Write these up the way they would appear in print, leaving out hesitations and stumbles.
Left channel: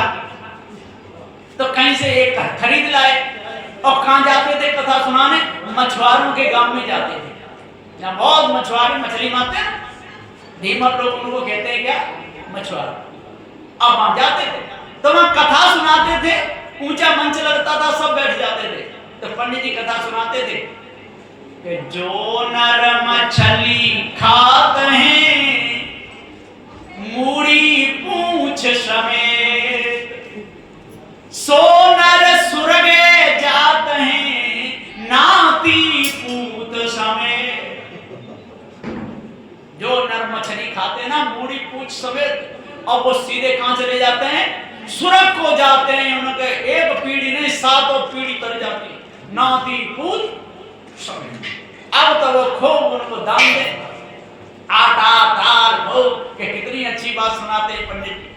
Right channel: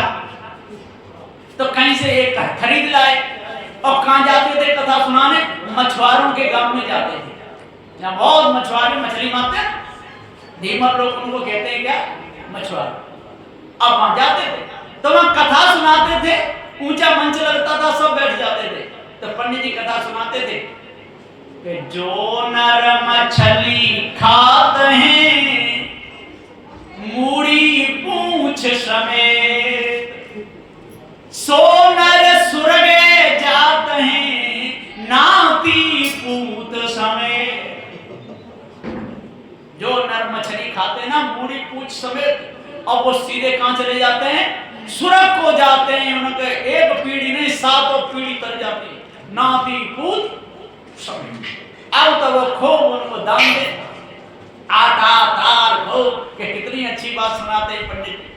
घर, तो कहीं से एक खरीद लाए और कहाँ जाते थे कथा सुनाने? मछुआरों के गांव में जाते थे। यहाँ बहुत मछुआरे मछली मारते हैं, धीमर लोग उनको कहते हैं क्या? मछुआरे। अब वहां जाते थे तो वहां कथा सुनाते थे, ऊंचा मंच लगता था, सब बैठ जाते थे। तो पंडित जी कथा सुनाते थे कि जो नर मछली खात हैं मूड़ी पूंछ समेत, सो नर सुरगे जात हैं नाती पूत समेत। जो नर मछली खाते ना मूड़ी पूंछ समेत, अब वो सीधे कहां चले जाते हैं? सुरग को जाते हैं। उनके एक पीढ़ी नहीं, सातों पीढ़ी तर जाती है, नाती पूत समेत। अब तो वो खूब उनको दान दे, आटा दाल हो कि कितनी अच्छी बात सुनाते हैं पंडित जी।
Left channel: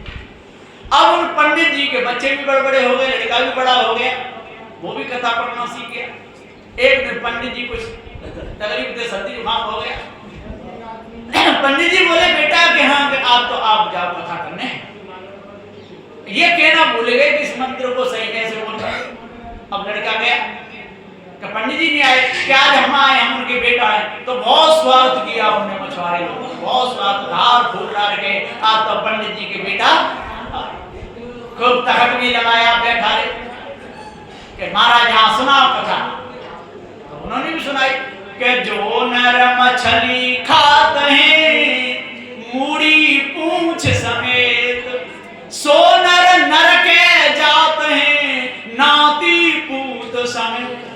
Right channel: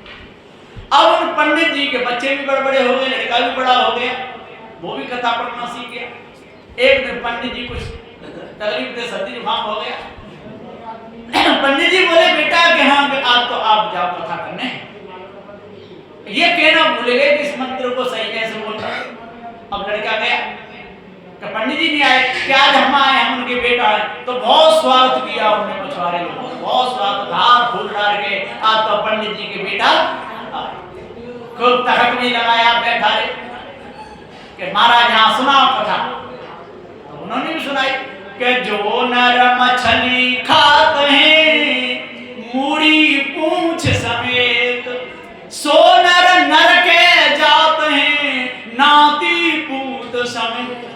अब उन पंडित जी के बच्चे भी बड़े हो गए, लड़का भी बड़ा हो गया, वो भी कथा पढ़ना सीख गया। एक दिन पंडित जी कुछ तकलीफ थे, सर्दी जुकाम हो गया। पंडित जी बोले बेटा कि हाँ कि आप जाओ कथा करने। ये कहना भूल गए कि इस मंत्र को सही कैसे बोलना। अब लड़का गया कि पंडित जी नहीं आए, क्या आज हम आए, हम उनके बेटा है। तो बहुत स्वागत किया उनने, मछुआरे लोगों ने बहुत स्वागत, हार फूल डाल के आज तो पंडित जी के बेटा खूब तखत में लगाया, बैठा रहे कि महाराज यहाँ सुनाओ कथा। तो उन्होंने भी सुनाई कि जो नर मछली खात हैं मूड़ी पूंछ समेत, सो नर नर के जात हैं नाती पूत समेत।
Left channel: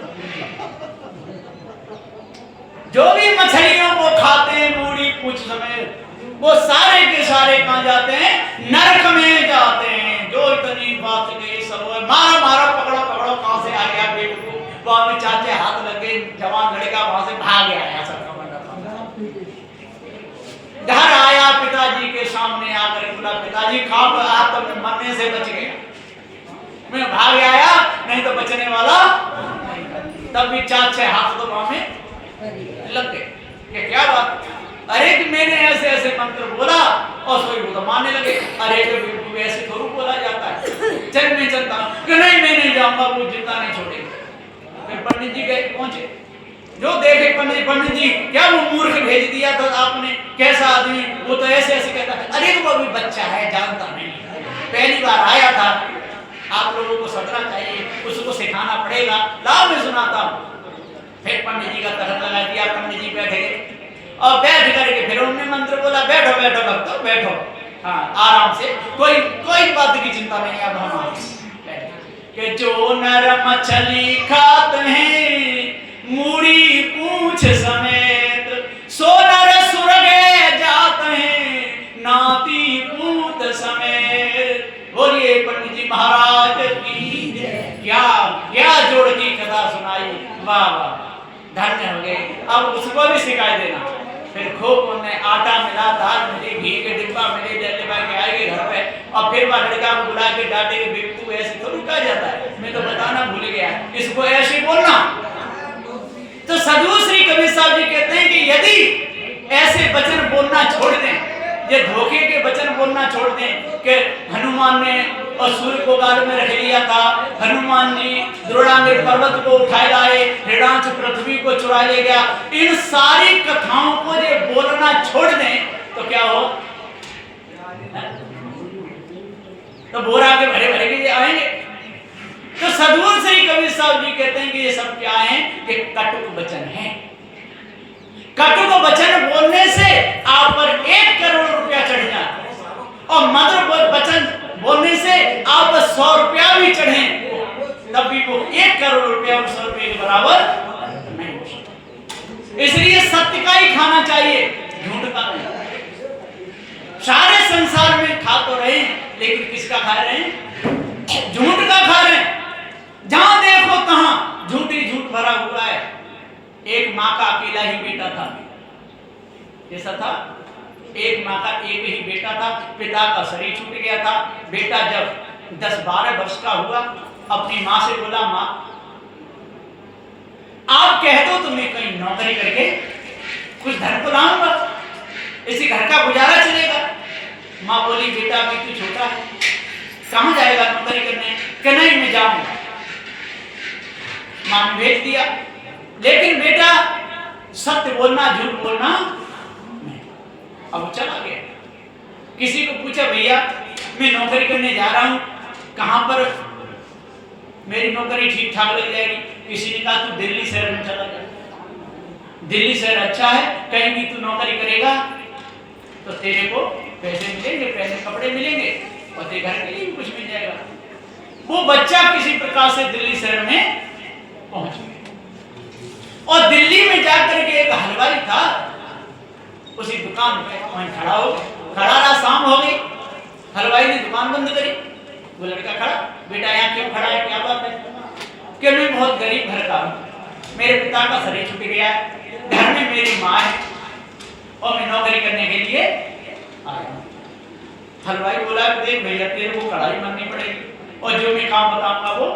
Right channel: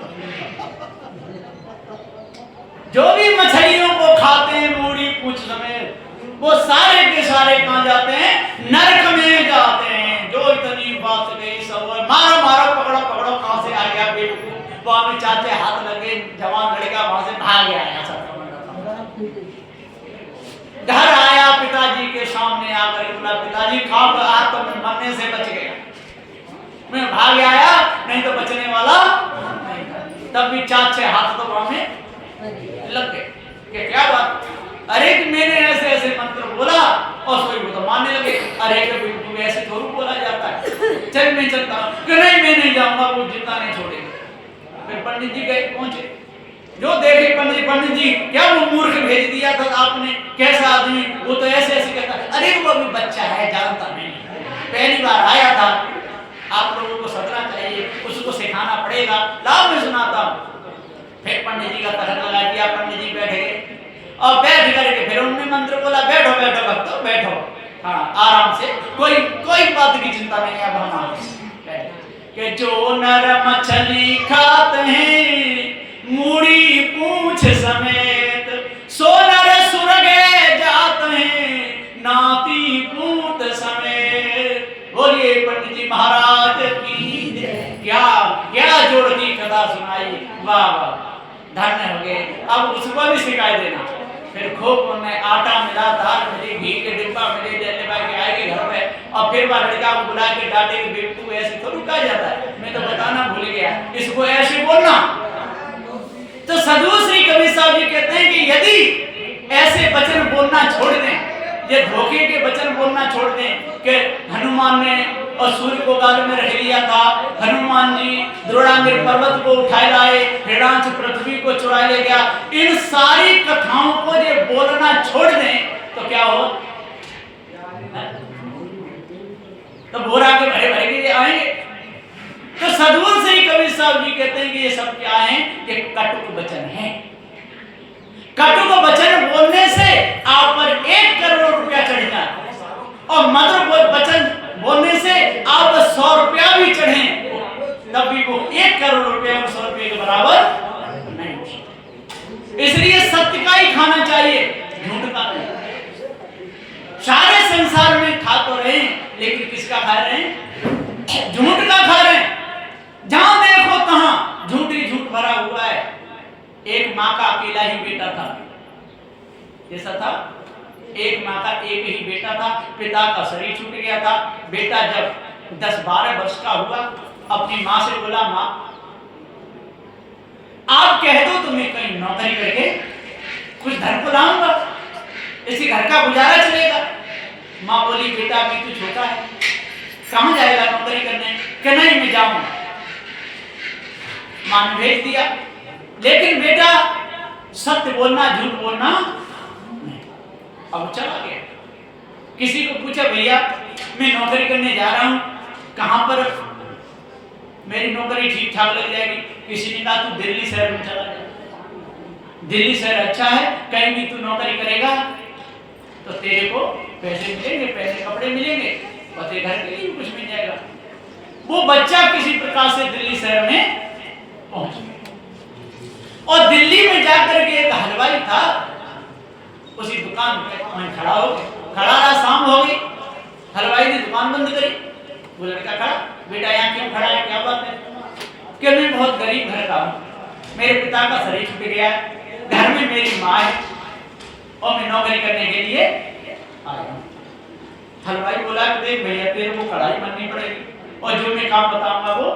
जो भी मछलियों को खाते हैं मूड़ी पूंछ समेत, वो सारे के सारे कहां जाते हैं? नरक में जाते हैं। जो इतनी बात गई सब मारो मारो, पकड़ो पकड़ो, कहां से आ गया बेवकूफ। वहां में चाचे हाथ लगे, जवान लड़का वहां से भाग गया सब का मंडप। घर आया, पिताजी के सामने आकर बोला पिताजी खाब आज तो मैं मरने से बच गया, मैं भाग आया, नहीं तो बचने वाला नहीं था। तब भी चाचे हाथ तो वहां में लग गए कि क्या बात? अरे कि मैंने ऐसे ऐसे मंत्र बोला और सोई वो तो मानने लगे। अरे कि ऐसे थोड़ा बोला जाता है, चल मैं चलता हूं कि नहीं मैं नहीं जाऊंगा, वो जितना नहीं छोड़ेंगे। फिर पंडित जी गए, पहुंचे, जो देखे पंडित जी क्या वो मूर्ख भेज दिया था आपने, कैसा आदमी, वो तो ऐसे ऐसे कहता है। अरे वो अभी बच्चा है, जानता नहीं, पहली बार आया था, आप लोगों को सदना चाहिए, उसको सिखाना पड़ेगा, लाओ मैं सुनाता हूँ। फिर पंडित जी का तखत लगा दिया, पंडित जी बैठ गए और बैठ करके फिर उन्होंने मंत्र बोला बैठो बैठो भक्तों बैठो, हाँ आराम से, कोई बात की चिंता नहीं। अब हम कि जो नर मछली खात हैं मूड़ी पूंछ समेत, सो नर सुरगे जात हैं नाती पूत समेत। बोलिए पंडित जी महाराज की क्या क्या जोड़ की कथा सुनाई, वाह वाह, धन्य हो गए। अब उसको भी सिखाई देना। फिर खूब उन्हें आटा मिला, दाल मिली, घी के डिब्बा मिले, लेके आएंगे घर पे और फिर वह लड़का को बुला के डांटे कि बेवकूफ ऐसे थोड़ी कहा जाता है, मैं तो बताना भूल गया, इसको ऐसे बोलना। तो साधु श्री कबीर साहब जी कहते हैं कि यदि ऐसे वचन बोलना छोड़ दें, ये धोखे के वचन बोलना छोड़ दें कि हनुमान ने और सूर्य को गाल में रख लिया था, हनुमान जी द्रोणागिर पर्वत को उठाए लाए, हिरणाक्ष पृथ्वी को चुरा ले गया, इन सारी कथाओं को ये बोलना छोड़ दें तो क्या हो? तो बोरा के भरे भरे के आएंगे। तो सदगुरु श्री कबीर साहब जी कहते हैं कि ये सब क्या है? कि कटुक वचन है। कटुक वचन बोलने से आप पर 1 करोड़ रुपया चढ़ जाए और मधुर वचन बोलने से आप 100 रुपया भी चढ़े तब भी वो 1 करोड़ रुपया 100 रुपये के बराबर नहीं हो सकता। इसलिए सत्य का ही खाना चाहिए, झूठ का नहीं। सारे संसार में खा तो रहे लेकिन किसका खा रहे हैं? झूठ का खा रहे हैं। जहां देखो तहां झूठ ही झूठ भरा हुआ है। एक माँ का अकेला ही बेटा था, जैसा था एक माँ का एक ही बेटा था, पिता का शरीर छूट गया था। बेटा जब 10-12 वर्ष का हुआ अपनी माँ से बोला, माँ आप कह दो तो मैं कहीं नौकरी करके कुछ धन को लाऊंगा, इसी घर का गुजारा चलेगा। माँ बोली बेटा अभी तू छोटा है, कहाँ जाएगा जाएगा नौकरी करने? कि नहीं मैं जाऊंगा। मां ने भेज दिया, लेकिन बेटा सत्य बोलना झूठ बोलना नहीं। अब वो चला गया। किसी को पूछा भैया मैं नौकरी करने जा रहा हूं, कहां पर मेरी नौकरी ठीक ठाक लग जाएगी? किसी ने कहा तू दिल्ली शहर में चला जा, दिल्ली शहर अच्छा है, कहीं भी तू नौकरी करेगा तो तेरे को पैसे मिलेंगे, पैसे कपड़े मिलेंगे और तेरे घर के लिए भी कुछ मिल जाएगा। वो बच्चा किसी प्रकार से दिल्ली शहर में पहुंच गया और दिल्ली में जाकर के एक हलवाई था, उसी दुकान पे वहीं खड़ा हो गया। खड़ा रहा, शाम हो गई, हलवाई ने दुकान बंद करी। वो लड़का खड़ा, बेटा यहाँ क्यों खड़ा है, क्या बात है? कि मैं बहुत गरीब घर का हूँ, मेरे पिता का शरीर छूट गया है, घर में मेरी माँ है और मैं नौकरी करने के लिए आया हूँ। हलवाई बोला कि देख भैया तेरे को कढ़ाई बननी पड़ेगी और जो मैं काम बताऊंगा वो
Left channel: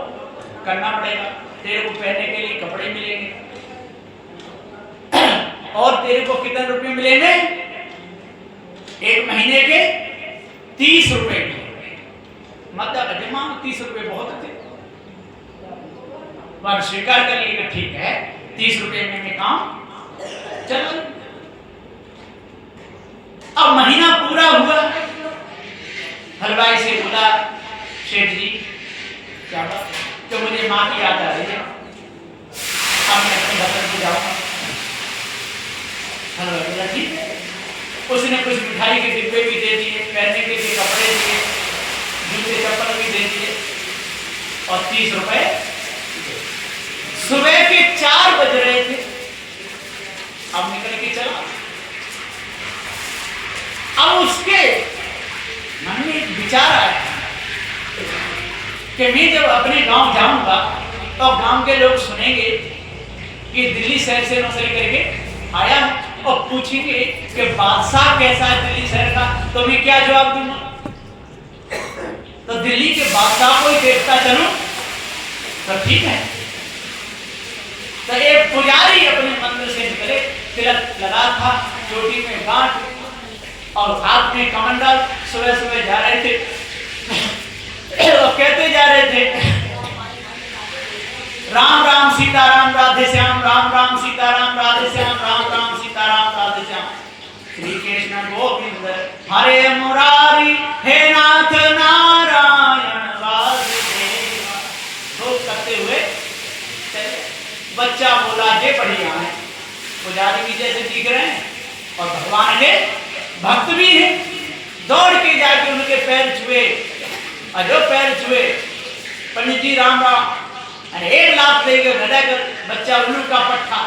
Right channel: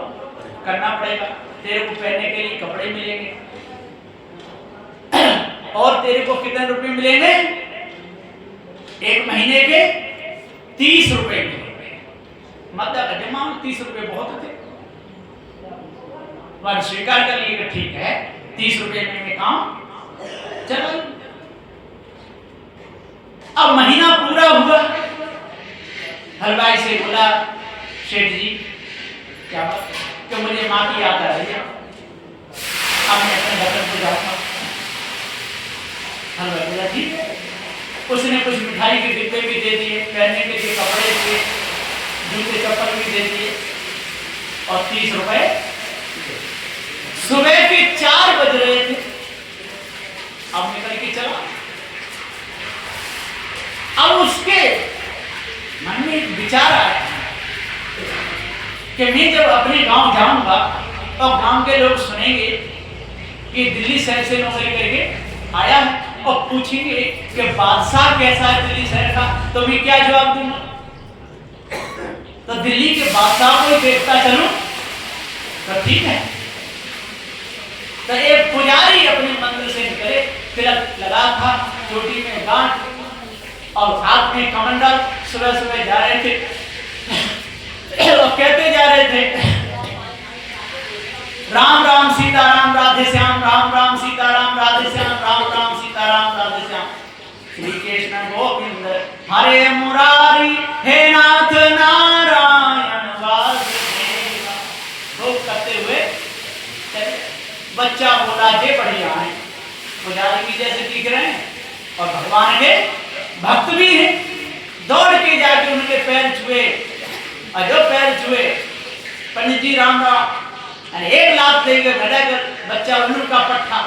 करना पड़ेगा, तेरे को पहनने के लिए कपड़े मिलेंगे और तेरे को कितने रुपए मिलेंगे? एक महीने के 30 रुपए मिलेंगे। मतलब जमा 30 रुपए बहुत थे। वह स्वीकार कर लिए कि ठीक है 30 रुपए में मैं काम चला। अब महीना पूरा हुआ, हलवाई से बोला शेठ जी क्या बात है? कि मुझे माँ की याद आ रही है, अब मैं अपने वतन को जाऊंगा। हलवाई बोला ठीक है। उसने कुछ मिठाई के डिब्बे भी दे दिए, पहनने के लिए कपड़े दिए, जूते चप्पल भी दे दिए और 30 रुपए। सुबह के 4 बज रहे थे, अब निकल के चला। अब उसके मन में एक विचार आया कि मैं जब अपने गांव जाऊंगा और गांव के लोग सुनेंगे कि दिल्ली शहर से नौकरी करके आया है और पूछेंगे कि बादशाह कैसा है दिल्ली शहर का, तो मैं क्या जवाब दूंगा? तो दिल्ली के बादशाह को ही देखता चलूं तो ठीक है। तो एक पुजारी अपने मंदिर से निकले, तिलक लगा था, चोटी में गांठ और हाथ में कमंडल, सुबह सुबह जा रहे थे और कहते जा रहे थे राम राम सीताराम राधे श्याम, राम राम सीताराम राधे श्याम, राम राम सीताराम राधे श्याम, श्री कृष्ण गोविंद हरे मुरारी, हे नाथ नारायण वासुदेवा। खूब करते हुए चले। बच्चा बोला जे बढ़िया है, पुजारी भी जैसे दिख रहे हैं और भगवान के भक्त भी है। दौड़ के जाके उनके पैर छुए और जो पैर छुए, पंडित जी राम राम, अरे एक लाख लेकर गदा कर बच्चा उल्लू का पट्टा,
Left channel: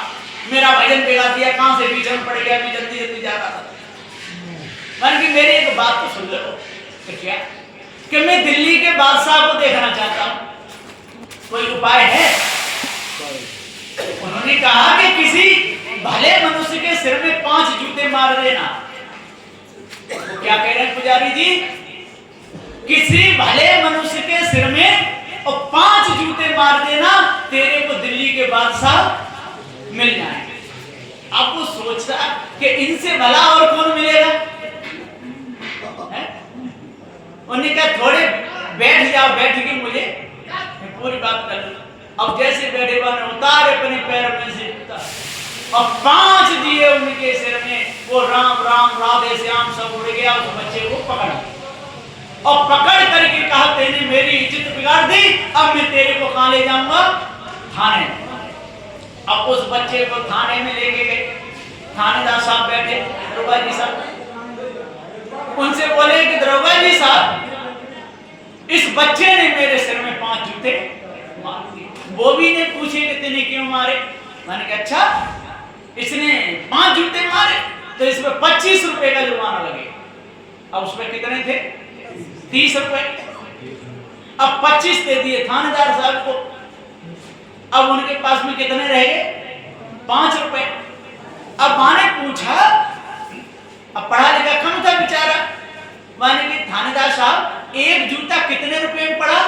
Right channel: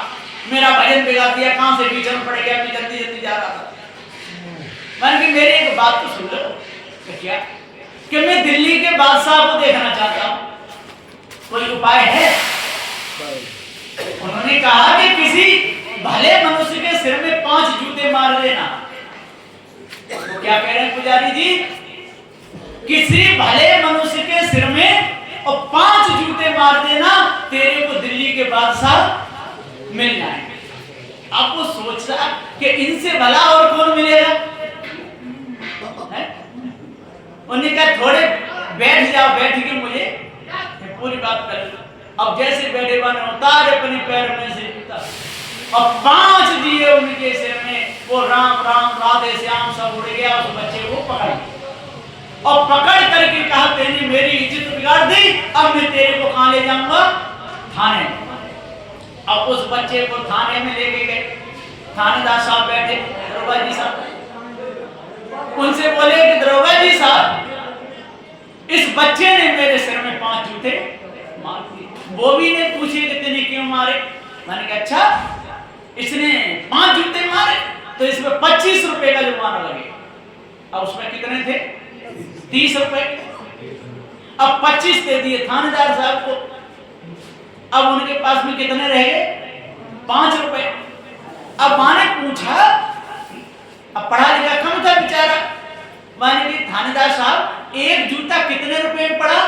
मेरा भजन बिगाड़ दिया, कहां से पीछे पड़ गया, मैं जल्दी जल्दी जा रहा था। मान की मेरी एक बात तो सुन लो। क्या? कि मैं दिल्ली के बादशाह को देखना चाहता हूं, कोई उपाय है? उन्होंने कहा कि किसी भले मनुष्य के सिर में 5 जूते मार देना। तो क्या कह रहे हैं पुजारी जी? किसी भले मनुष्य के सिर में और 5 जूते मार देना, तेरे को दिल्ली के बादशाह मिल जाएंगे। अब वो सोच रहा कि इनसे भला और कौन मिलेगा? उन्होंने कहा थोड़े बैठ जाओ, बैठ के मुझे पूरी बात कर लो। अब जैसे बैठे बने उतार अपने पैर में से जूता और 5 दिए उनके सिर में, वो राम राम राधे श्याम सब उड़ गया। उस बच्चे को पकड़ा और पकड़ करके कहा तेने मेरी इज्जत बिगाड़ दी, अब मैं तेरे को कहां ले जाऊंगा? थाने। अब उस बच्चे को थाने में लेके गए। थानेदार साहब बैठे, दरोगा जी साहब, उनसे बोले कि दरोगा जी साहब, इस बच्चे ने मेरे सिर में 5 जूते मार दिए। वो भी ने पूछे कि तेने क्यों मारे? मैंने कहा अच्छा, इसने 5 जूते मारे तो इसमें 25 रुपए का जुर्माना लगेगा। अब उसमें कितने थे? 30 रुपए। अब 25 दे दिए थानेदार साहब को। अब उनके पास में कितने रह गए? 5 रुपए। अब मां ने पूछा, अब पढ़ा लिखा कम था बेचारा, माने कि थानेदार साहब एक जूता कितने रुपए में पड़ा?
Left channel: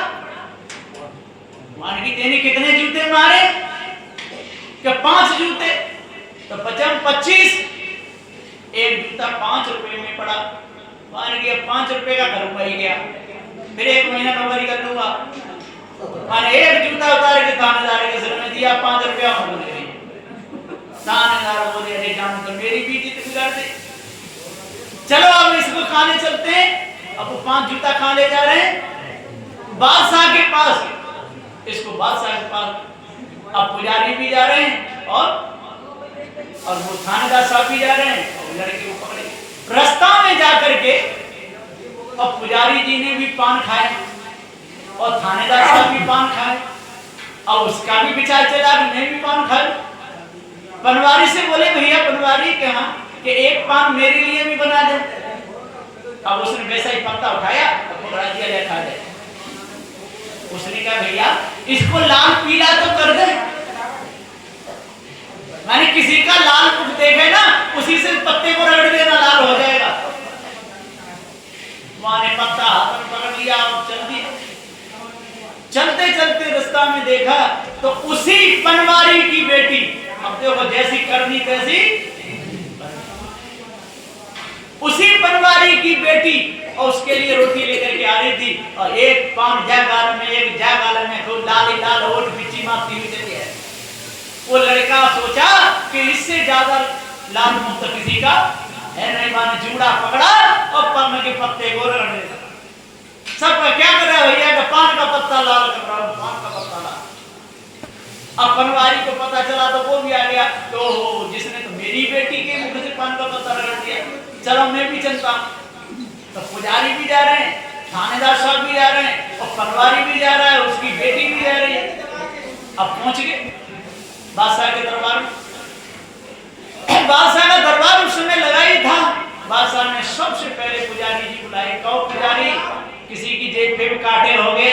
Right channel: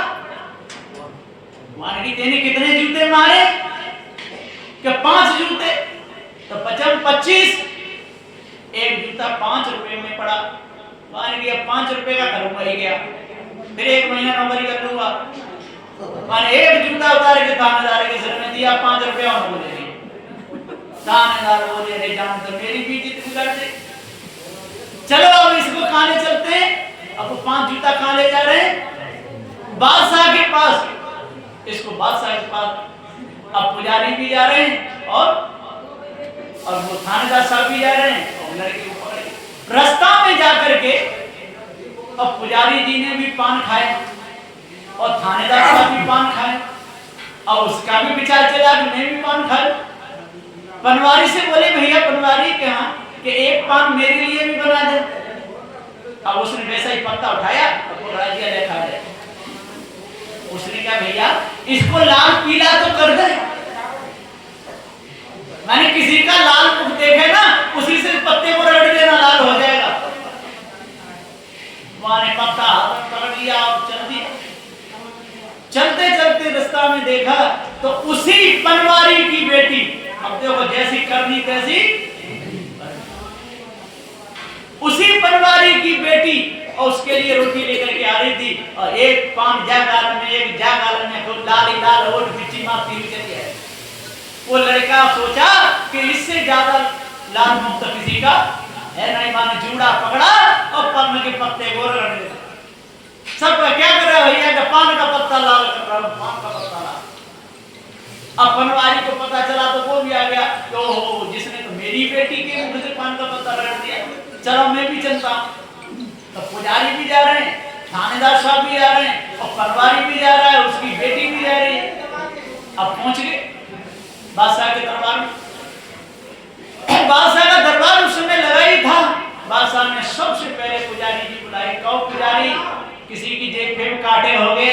माने कि तेने कितने जूते मारे? कि 5 जूते। तो 25, एक जूता 5 रुपए में पड़ा। माने कि अब 5 रुपए का करूंगा ही गया। फिर 1 महीना नौकरी कर लूंगा। माने एक जूता उतार के थानेदार के सिर में दिया, 5 रुपया मुझे दे। थानेदार बोले अरे जान तो मेरी भी इज्जत बिगाड़ दे। चलो अब इसको खाने चलते हैं। अब वो 5 जूता कहाँ ले जा रहे हैं? बादशाह के पास। इसको बादशाह के पास। अब पुजारी भी जा रहे हैं और वो थानेदार साहब भी जा रहे हैं और लड़के को पकड़े। रास्ता में जाकर के अब पुजारी जी ने भी पान खाया और थानेदार साहब भी पान खाए और उसका भी विचार चला कि मैं भी पान खाऊं। पनवारी से बोले भैया पनवारी कहा कि एक पान मेरे लिए भी बना दे। अब उसने वैसा ही पत्ता उठाया और पकड़ा दिया, ले खा ले। उसने कहा भैया इसको लाल पीला तो कर दे। मैंने किसी का लाल मुख देखे ना उसी से पत्ते को रगड़ देना, लाल हो जाएगा। वहां ने पत्ता हाथ में पकड़ लिया और चल दिया। चलते चलते रास्ता में देखा तो उसी पनवारी की बेटी, अब देखो जैसी करनी तैसी, उसी पनवारी की बेटी और उसके लिए रोटी लेकर के आ रही थी और एक पान जा गाल में, एक जा गाल में, खूब लाल ही लाल होठ बिच्ची मारती हुई चली है। वो लड़का सोचा कि इससे ज्यादा लाल मुख तो किसी का है नहीं। माने जूड़ा पकड़ा और पान के पत्ते को रगड़ देता। सब क्या कर रहा है भैया का पान का पत्ता लाल कर रहा हूं, पान का पत्ता लाल। अब पनवारी को पता चला तो वो भी आ गया, तो जिसने तो मेरी बेटी के मुख से पान का पत्ता रगड़ दिया, चलो मैं भी चलता हूं। तो पुजारी भी जा रहे हैं, थानेदार साहब भी जा रहे हैं और पनवारी भी जा रहा है, उसकी बेटी भी जा रही है। अब पहुंच गए बादशाह के दरबार में। बादशाह का दरबार उस समय लगा ही था। बादशाह ने सबसे पहले पुजारी जी बुलाए। कहो पुजारी किसी की जेब फेब काटे हो गए?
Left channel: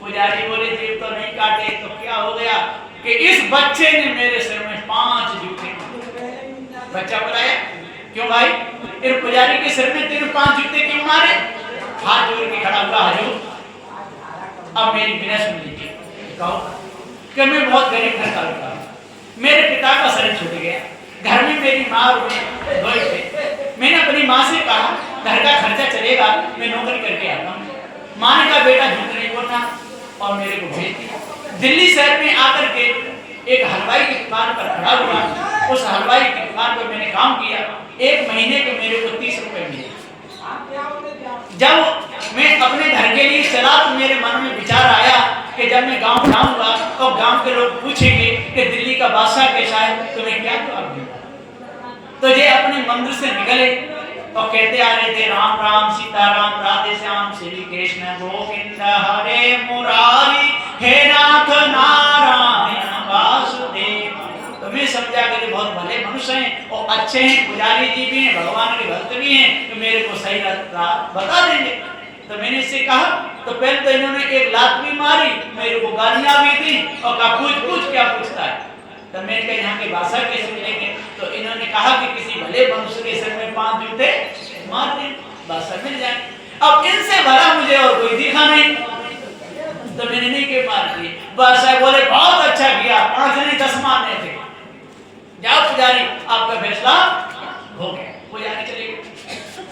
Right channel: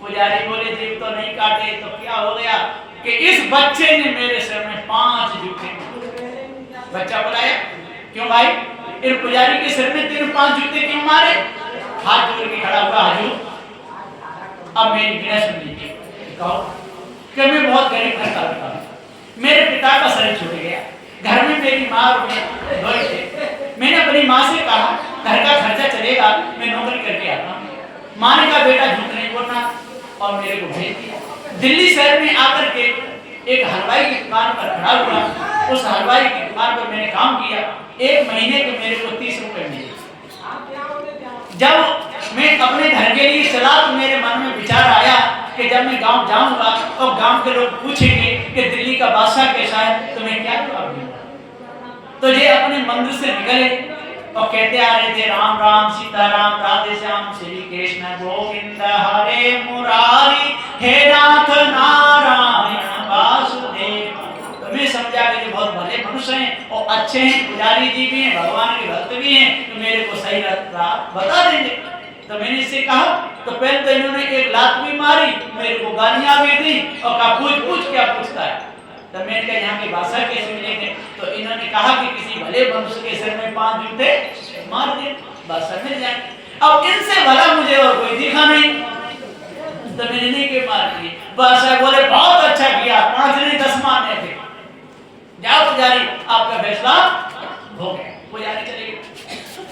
पुजारी बोले जेब तो नहीं काटे। तो क्या हो गया कि इस बच्चे ने मेरे सिर में 5 जूते। बच्चा बुलाया, क्यों भाई इन पुजारी के सिर में तेरे 5 जूते क्यों मारे? हाथ जोड़ के खड़ा हुआ, हजूर अब मेरी बिना सुन लीजिए। कहो कि मैं बहुत गरीब घर का लड़का हूं, मेरे पिता का शरीर छूट गया, घर में मेरी माँ और मैं दो ही थे। मैंने अपनी माँ से कहा घर का खर्चा चलेगा, मैं नौकरी करके आता हूँ। माँ ने कहा बेटा झूठ नहीं बोलना और मेरे को भेज दिया। दिल्ली शहर में आकर के एक हलवाई की दुकान पर खड़ा हुआ। उस हलवाई की दुकान पर मैंने काम किया। 1 महीने के मेरे को 30 रुपए मिले। जब मैं अपने घर के लिए चला तो मेरे मन में विचार आया कि जब मैं गांव जाऊंगा और गांव के लोग पूछेंगे कि दिल्ली का बादशाह कैसा है तो मैं क्या जवाब दूंगा। तो ये अपने मंदिर से निकले और कहते आ रहे थे राम राम सीताराम राधे श्याम श्री कृष्ण गोविंद हरे मुरारी हे नाथ नारायण वासुदेव। तो मैं समझा कि ये बहुत भले मनुष्य हैं और अच्छे हैं, पुजारी जी भी हैं, भगवान के भक्त भी हैं, तो मेरे को सही रास्ता बता देंगे। तो मैंने इससे कहा तो पहले तो इन्होंने एक लात भी मारी, मेरे को गालियां भी दी और कहा पूछ क्या पूछता है। तो मैंने कहा यहाँ के बादशाह कैसे मिलेंगे? तो इन्होंने कहा कि किसी भले मनुष्य के सिर में 5 जूते मार दे, बादशाह मिल जाए। अब इनसे भला मुझे और कोई दिखा नहीं, तो मैंने नहीं के मार दिए। बादशाह बोले बहुत अच्छा किया, 5 नहीं 10 मारने थे। जाओ पुजारी आपका फैसला हो गया। पुजारी चले गए।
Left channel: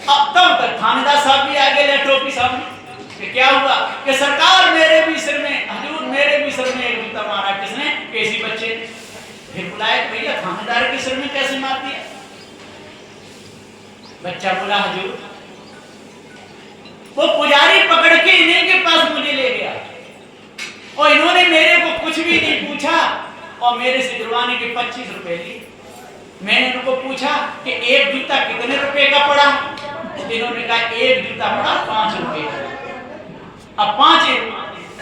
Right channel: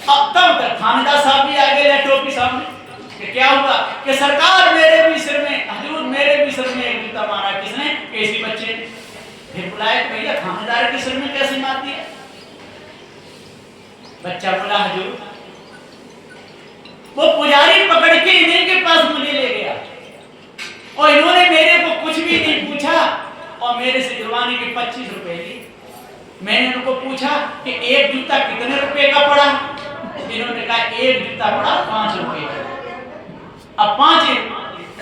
अब तक थानेदार साहब भी आ गए टोपी सामने कि क्या हुआ कि सरकार मेरे भी सिर में, हजूर मेरे भी सिर में एक जूता मारा। किसने? किसी बच्चे ने। फिर बुलाया भैया थानेदार के सिर में कैसे मार दिया? बच्चा बोला हजूर वो पुजारी पकड़ के इन्हीं के पास मुझे ले गया और इन्होंने मेरे को कुछ भी नहीं पूछा और मेरे से जुर्माने के 25 रुपए लिए। मैंने उनको पूछा कि एक जूता कितने रुपए का पड़ा? इन्होंने कहा एक जूता पड़ा 5 रुपए का। अब 5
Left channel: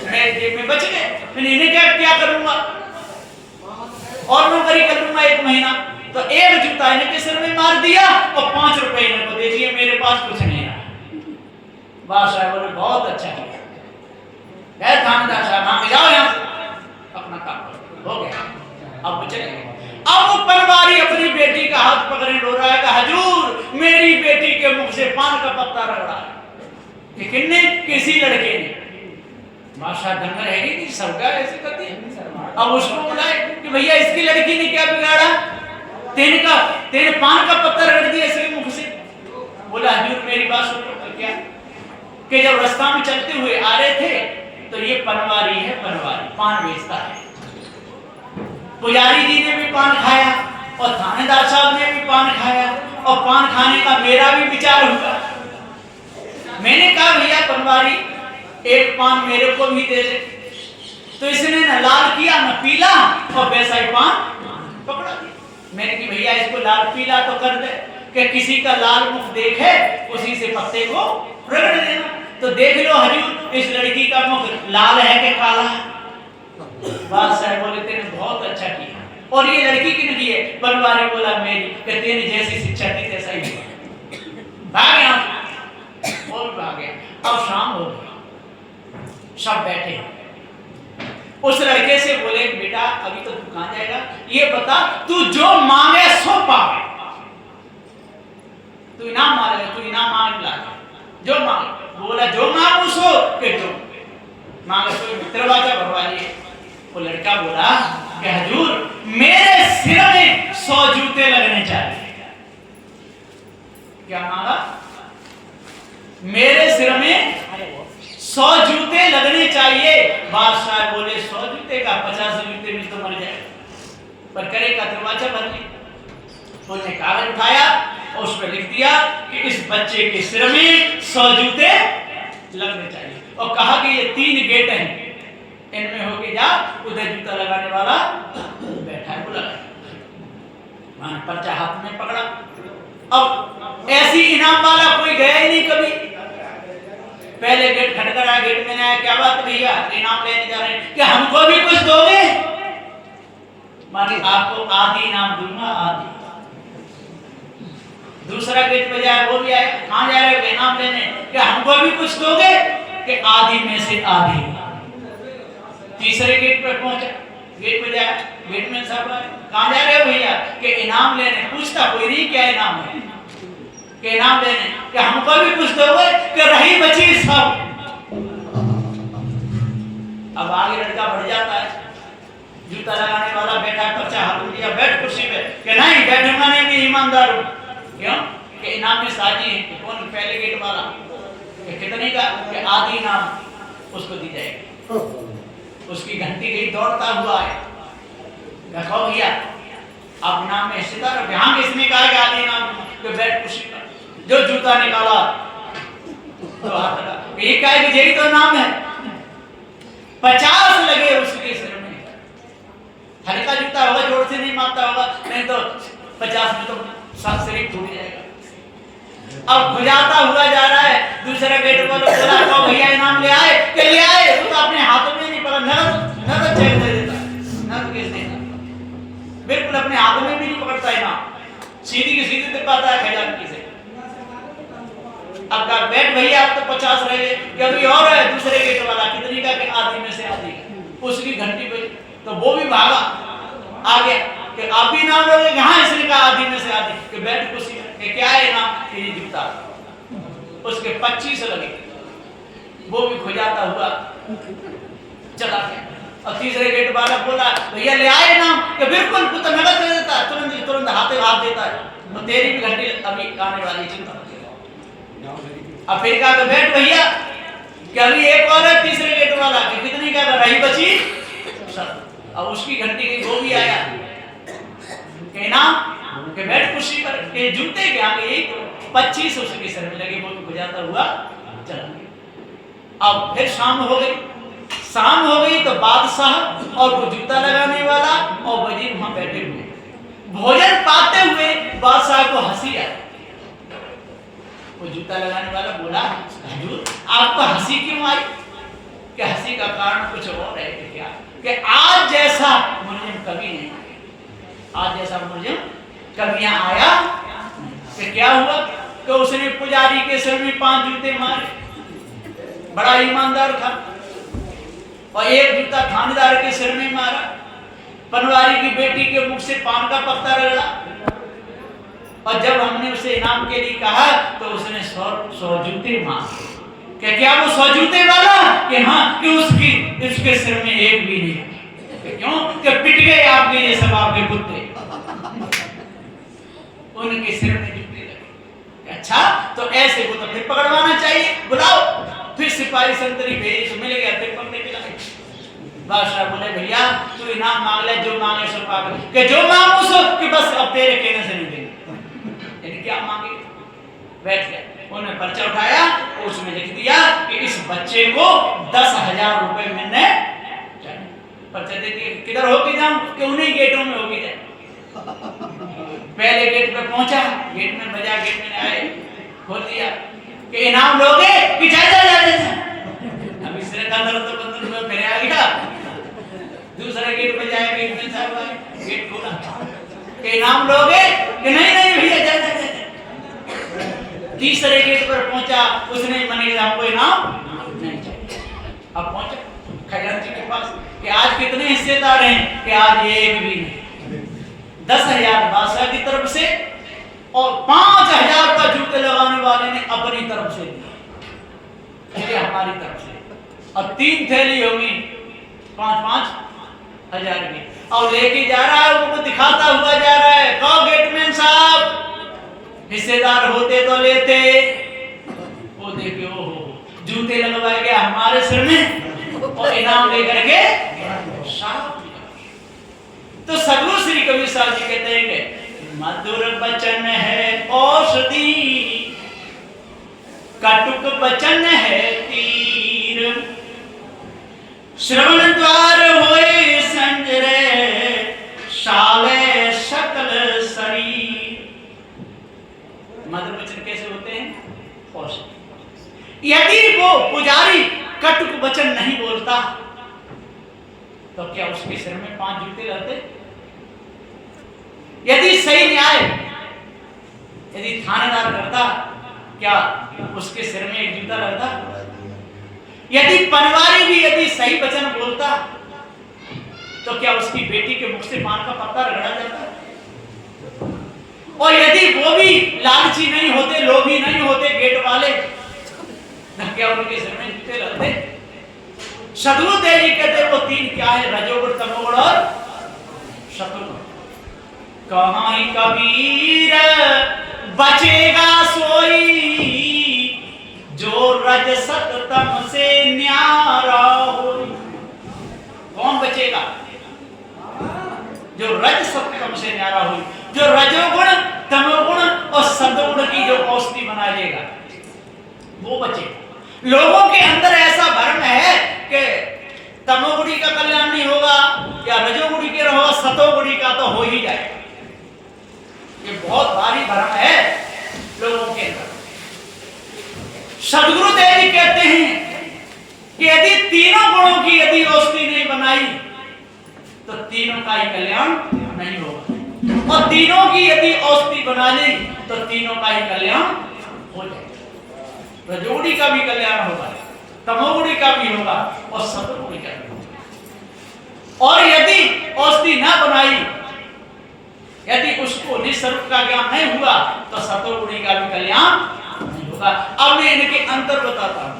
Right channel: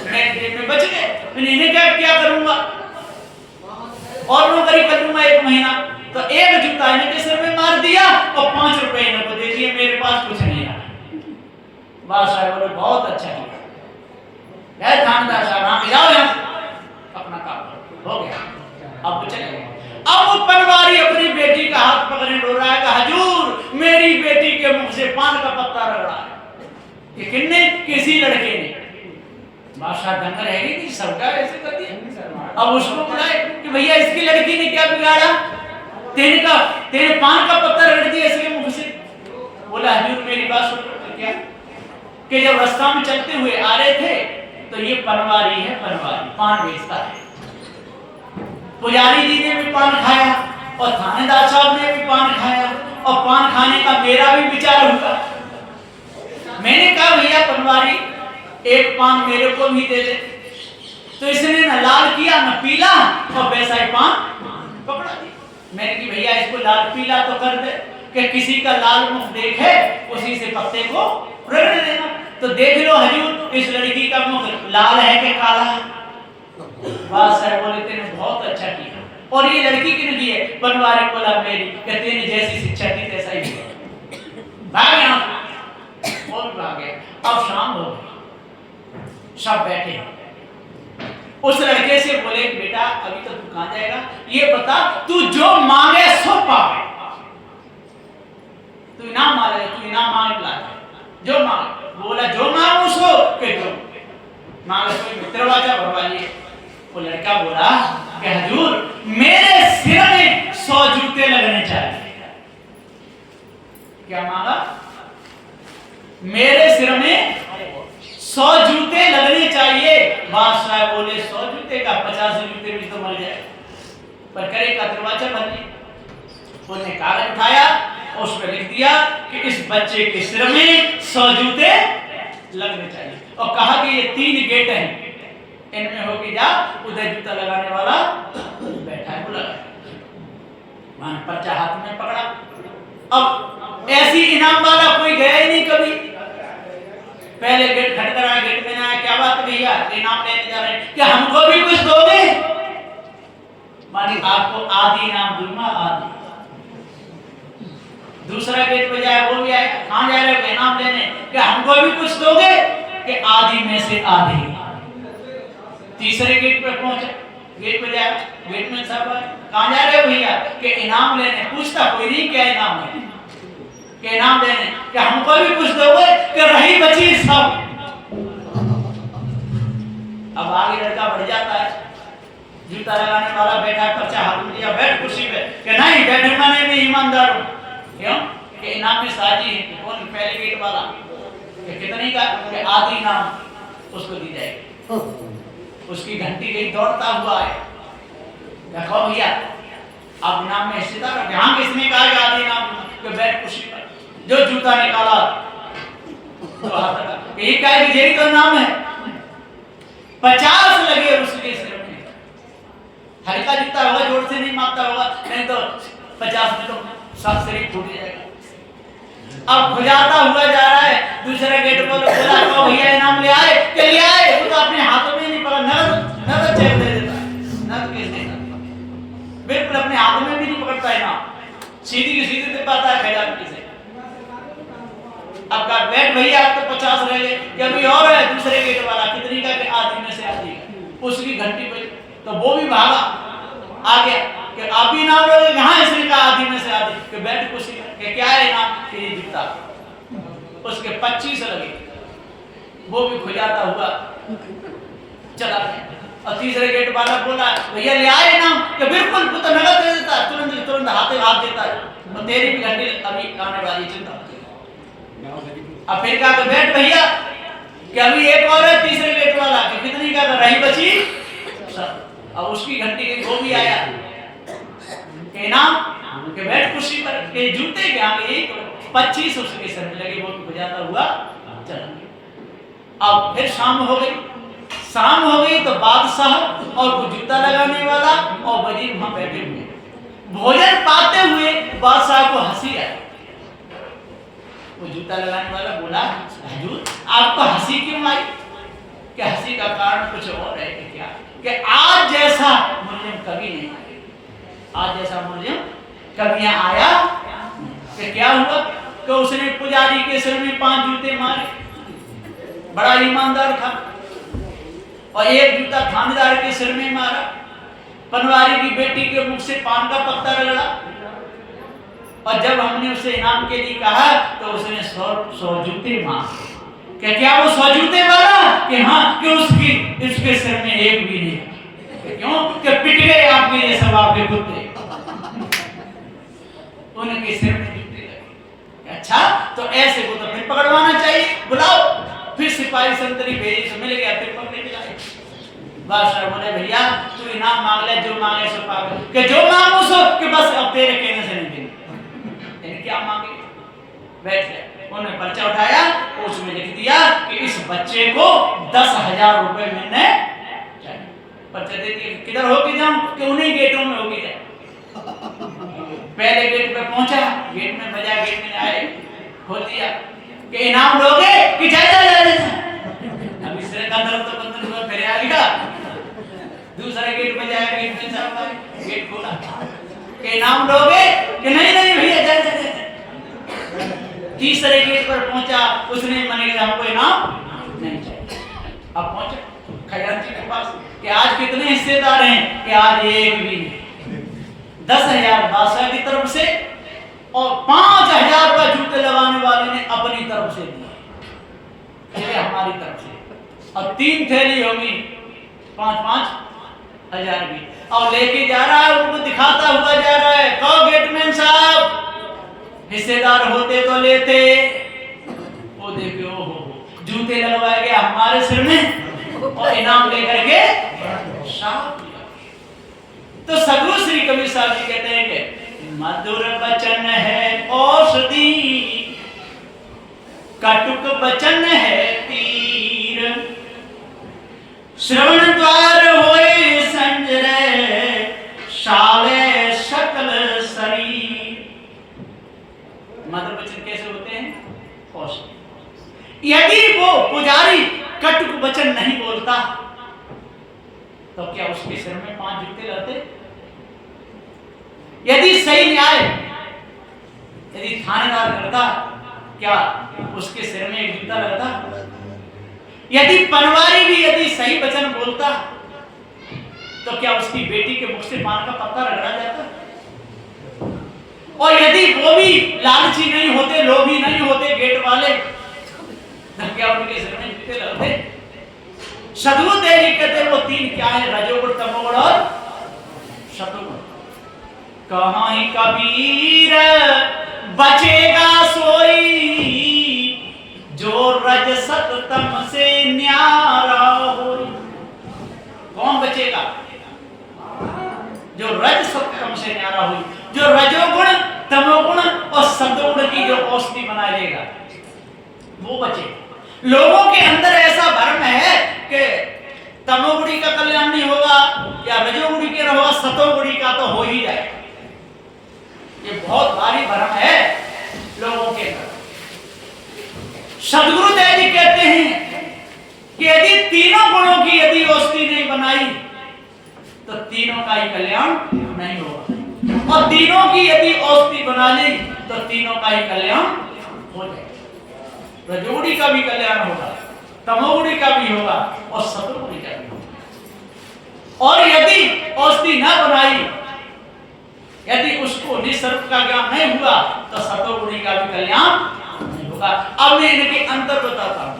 मेरे जेब में बच गए। मैंने इन्हें क्या करूंगा और नौकरी कर लूंगा 1 महीना। तो एक जूता इनके सिर में मार दिया और 5 रुपए इनको दे दिए, मेरे पास कुछ नहीं आया। बादशाह बोले बहुत अच्छा किया। गए थानेदार साहब वहां जाओ, यहाँ अपना काम हो गया। अब वो चले गए। अब वो पनवारी अपनी बेटी का हाथ पकड़े रो रहा है कि हजूर मेरी बेटी के मुख से पान का पत्ता रगड़ा है। कि किसने? किसी लड़के ने। बादशाह दंग रहेगी कि सबका ऐसे करती है। अब उसको बुलाए कि भैया इसकी लड़की ने क्या बिगाड़ा? तेने पान का पत्ता रगड़ दिया इसके मुख से। बोला हजूर मेरी बात सुन लो। क्या कि जब रास्ता में चलते हुए आ रहे थे तो ये पनवारी है, पनवारी पान बेचता है। पुजारी जी ने भी पान खाया और थानेदार साहब ने भी पान खाया और पान खाने का मेरा भी विचार हुआ। मैंने कहा भैया पनवारी एक पान मेरे को भी दे दे। तो इसने न लाल किया न पीला और वैसा ही पान पकड़ा दिया। मैंने कि भैया इसको लाल पीला तो कर दे कि किसी का लाल मुख देखे उसी से पत्ते को रगड़ देना। तो देख लो हजूर इस लड़की का मुख लाल है कि काला है। बादशाह बोले तेने बहुत अच्छा किया। और ये लड़की किन की है? पनवारी बोला मेरी, कि तेने जैसी शिक्षा दी तैसा ही भाग गया, वो भी भाग गया। अब शाम हो गई, सब बैठे। उस लड़के से बोले बेटा अभी तो तू कहां जाएगा, ये बता तू जो मांगे सो पावे। तू इनाम मांगे, तू इनाम मांगे ला जो मांगे। बोला जो मांगू सो के जो मांगे सो। दरवाजा भरवा लिए। वो लड़का बोला कि हजूर मेरे सिर में 100 जूते लगने चाहिए। क्या मांगा? मेरे सिर में 100 जूते लगने चाहिए। बादशाह बोले 100 जूते का 50 जूते में तो मर जाए, पर करेगा। दरवाजा बंद किया। उसने कागज उठाया और उस पर लिख दिया कि इस बच्चे के सिर में 100 जूते लगने चाहिए और कहा कि ये 3 गेट हैं, इनमें होके जा। उधर जूता लगाने वाला बैठा है, बोला वहां पर्चा हाथ में पकड़ा। अब ऐसी इनाम वाला कोई गया ही नहीं कभी। पहले गेट खटखटाया, गेट में आया, क्या बात भैया इनाम लेने जा रहे हैं, क्या हमको भी कुछ दोगे? मानी आपको आधी इनाम दूंगा, आधी। दूसरा गेट पे जाए, वो भी आया, कहां जा रहे हो? इनाम लेने। क्या हमको भी कुछ दोगे? कि आधी में से आधी। तीसरे गेट पे पहुंचे, गेट पे जाए, गेट में सब आए, कहां जा रहे हो भैया? कि इनाम लेने। पूछता कोई नहीं क्या इनाम है, कि इनाम लेने। कि हमको भी कुछ दोगे? कि रही बची सब। अब आगे लड़का बढ़ जाता है, जूता लगाने वाला बैठा है, पर्चा हाथ में दिया, बैठ कुर्सी पे। कि नहीं बैठूंगा नहीं, मैं ईमानदार हूं। क्यों? कि इनाम में साजी है। कौन? पहले गेट वाला। कि कितने का? कि आधी इनाम उसको दी जाएगी। उसकी घंटी गई, दौड़ता हुआ आए, कहो भैया आप इनाम में हिस्सेदार हो? हाँ। किसने कहा कि आधी इनाम? कि बैठ कुर्सी पर। जो जूता निकाला तो हाथ लगा, ये क्या है? यही तो इनाम है। 50 लगे उसके सिर में। हल्का जूता होगा, जोर से नहीं मारता होगा, नहीं तो 50 में तो सब शरीर फूट जाएगा। अब खुजाता हुआ जा रहा है। दूसरा गेट पर बोला तो भैया इनाम ले आए? कि ले आए। वो तो अपने हाथों में नहीं पकड़ा, नगद चेक दे देता है, नगद केस देता, बिल्कुल अपने हाथों में भी नहीं पकड़ता इनाम, सीधी की सीधी दे पाता है खजानची से। अब का बैठ भैया अब तो 50 रह गए। कि अभी और है दूसरे गेट वाला, कितनी का? कि आधी में से आधी का। उसकी घंटी बजी तो वो भी भागा आ गया कि आप भी इनाम लोगे? कहां? इसने कहा आधी में से आधी। कि बैठ कुर्सी में। कि क्या है इनाम? कि ये जूता। उसके 25 लगे, वो भी खुजाता हुआ चला गया। और तीसरे गेट वाला बोला भैया ले आए इनाम? कि बिल्कुल, वो तो नगद दे देता है, तुरंत हाथ देता है, और तेरी भी घंटी अभी आने वाली, चिंता। अब फिर कहा बैठ भैया, कि अभी एक और है तीसरे गेट वाला। कि कितनी का? रही बची सब। अब उसकी घंटी गई, वो भी आया। कि इनाम? कि बैठ कुर्सी पर। कि जूते के आगे यही तो 25 उसके सर में लगे, वो भी बजाता हुआ चला गया। अब फिर शाम हो गई। शाम हो गई तो बादशाह और वो जूता लगाने वाला और वजीर वहां बैठे हुए। भोजन पाते हुए बादशाह को हंसी आई। वो जूता लगाने वाला बोला हुजूर आपको हंसी क्यों आई? कि हंसी का कारण कुछ और है। कि क्या? कि आज जैसा मुलजिम कभी नहीं आया, आज जैसा मुलजिम कभी यहाँ आया। कि क्या हुआ? कि उसने पुजारी के सिर में 5 जूते मारे, बड़ा ईमानदार था, और एक जूता थानेदार के सिर में मारा, पनवारी की बेटी के मुख से पान का पत्ता रगड़ा, और जब हमने उसे इनाम के लिए कहा तो उसने 100 जूते मांगे। कि क्या वो 100 जूते वाला? कि हाँ। कि उसके सिर में एक भी नहीं। कि क्यों? कि पिट गए आपके ये सब आपके कुत्ते, उनके सिर में जूते लगे। अच्छा तो ऐसे को तो फिर पकड़वाना चाहिए, बुलाओ। फिर सिपाही संतरी भेजी तो मिल गया, फिर पकड़े के लाए। बादशाह बोले भैया तू इनाम मांग ले, जो मांगे सो पावे, कि जो मांगो सो कि बस अब तेरे कहने से नहीं देंगे। यानी क्या मांगे? बैठ गए, उन्होंने पर्चा उठाया, उसमें लिख दिया कि इस बच्चे को 10,000 रुपए मिलने चाहिए। पर्चा दे दिया, किधर होके जाऊं? कि उन्हीं गेटों में होके जाए। पहले गेट पे पहुंचा, गेट में बजा, गेट में आए, खोल दिया कि इनाम लोगे कि जाए जाए जाए। अब इस तरह का अंदर तो बंदर में फिर आ गया। दूसरा गेट बजाया, गेट में साहब आए, गेट खोला कि इनाम लोगे कि नहीं नहीं भैया जाए जाए जाए। तीसरे गेट पर पहुंचा, उसने मने हमको इनाम नहीं चाहिए। अब पहुंचा खजांची के पास कि आज कितने हिस्सेदार हैं? कि आज एक भी नहीं। 10,000 बादशाह की तरफ से और 5,000 रुपए जूते लगाने वाले ने अपनी तरफ से दिए, ये हमारी तरफ से। और 3 थैली होगी 5-5 हजार की, और लेके जा रहा है, उनको दिखाता हुआ जा रहा है। कहो गेटमैन साहब, हिस्सेदार होते तो लेते। वो देखिए, ओहो, जूते लगवाए गया हमारे सिर में और इनाम लेकर के साहब। तो सदगुरु श्री कबीर साहब जी कहते हैं कि मधुर बचन है औषधि, कटुक बचन है तीर, श्रवण द्वार होए संजय, शाले सकल शरीर। मधुर वचन कैसे होते हैं? औषधि। यदि वो पुजारी कटुक वचन नहीं बोलता तो क्या उसके सिर में 5 जूते लगते? यदि सही न्याय यदि थानेदार करता, क्या उसके सिर में 1 जूता लगता? यदि पनवारी भी यदि सही वचन बोलता तो क्या उसकी बेटी के मुख से पान का पत्ता रगड़ा जाता? और यदि वो भी लालची नहीं होते, लोभी नहीं होते गेट वाले, तो क्या उनके सिर में जूते लगते? सदगुरु देव जी कहते वो 3 क्या है? रजोगुण, तमोगुण और सतोगुण। कहाँ ही कबीर बचेगा सोई, जो रज सत तम से न्यारा हो। कौन बचेगा? जो रज सत तम से न्यारा हो, जो रजोगुण, तमोगुण और सतोगुण की जो औषधि बना लेगा, वो बचेगा। लोगों के अंदर ऐसा भ्रम है कि तमोगुणी का कल्याण नहीं होगा या रजोगुणी के रहोगा, सतोगुणी का तो हो ही जाएगा। ये बहुत भारी भ्रम है लोगों के अंदर। सदगुरु देव जी कहते हैं कि यदि तीनों गुणों की यदि औषधि नहीं बनाई तो तीनों का ही कल्याण नहीं होगा, और तीनों की यदि औषधि बना ली तो तीनों का ही कल्याण हो जाएगा। रजोगुणी का भी कल्याण होगा, तमोगुणी का भी होगा और सतोगुणी का भी होगा। और यदि औषधि ना बनाई, यदि उसको निस्वरूप का ज्ञान नहीं हुआ तो सतोगुणी का भी कल्याण नहीं होगा। अब मैं इनके अंतर बताता हूं।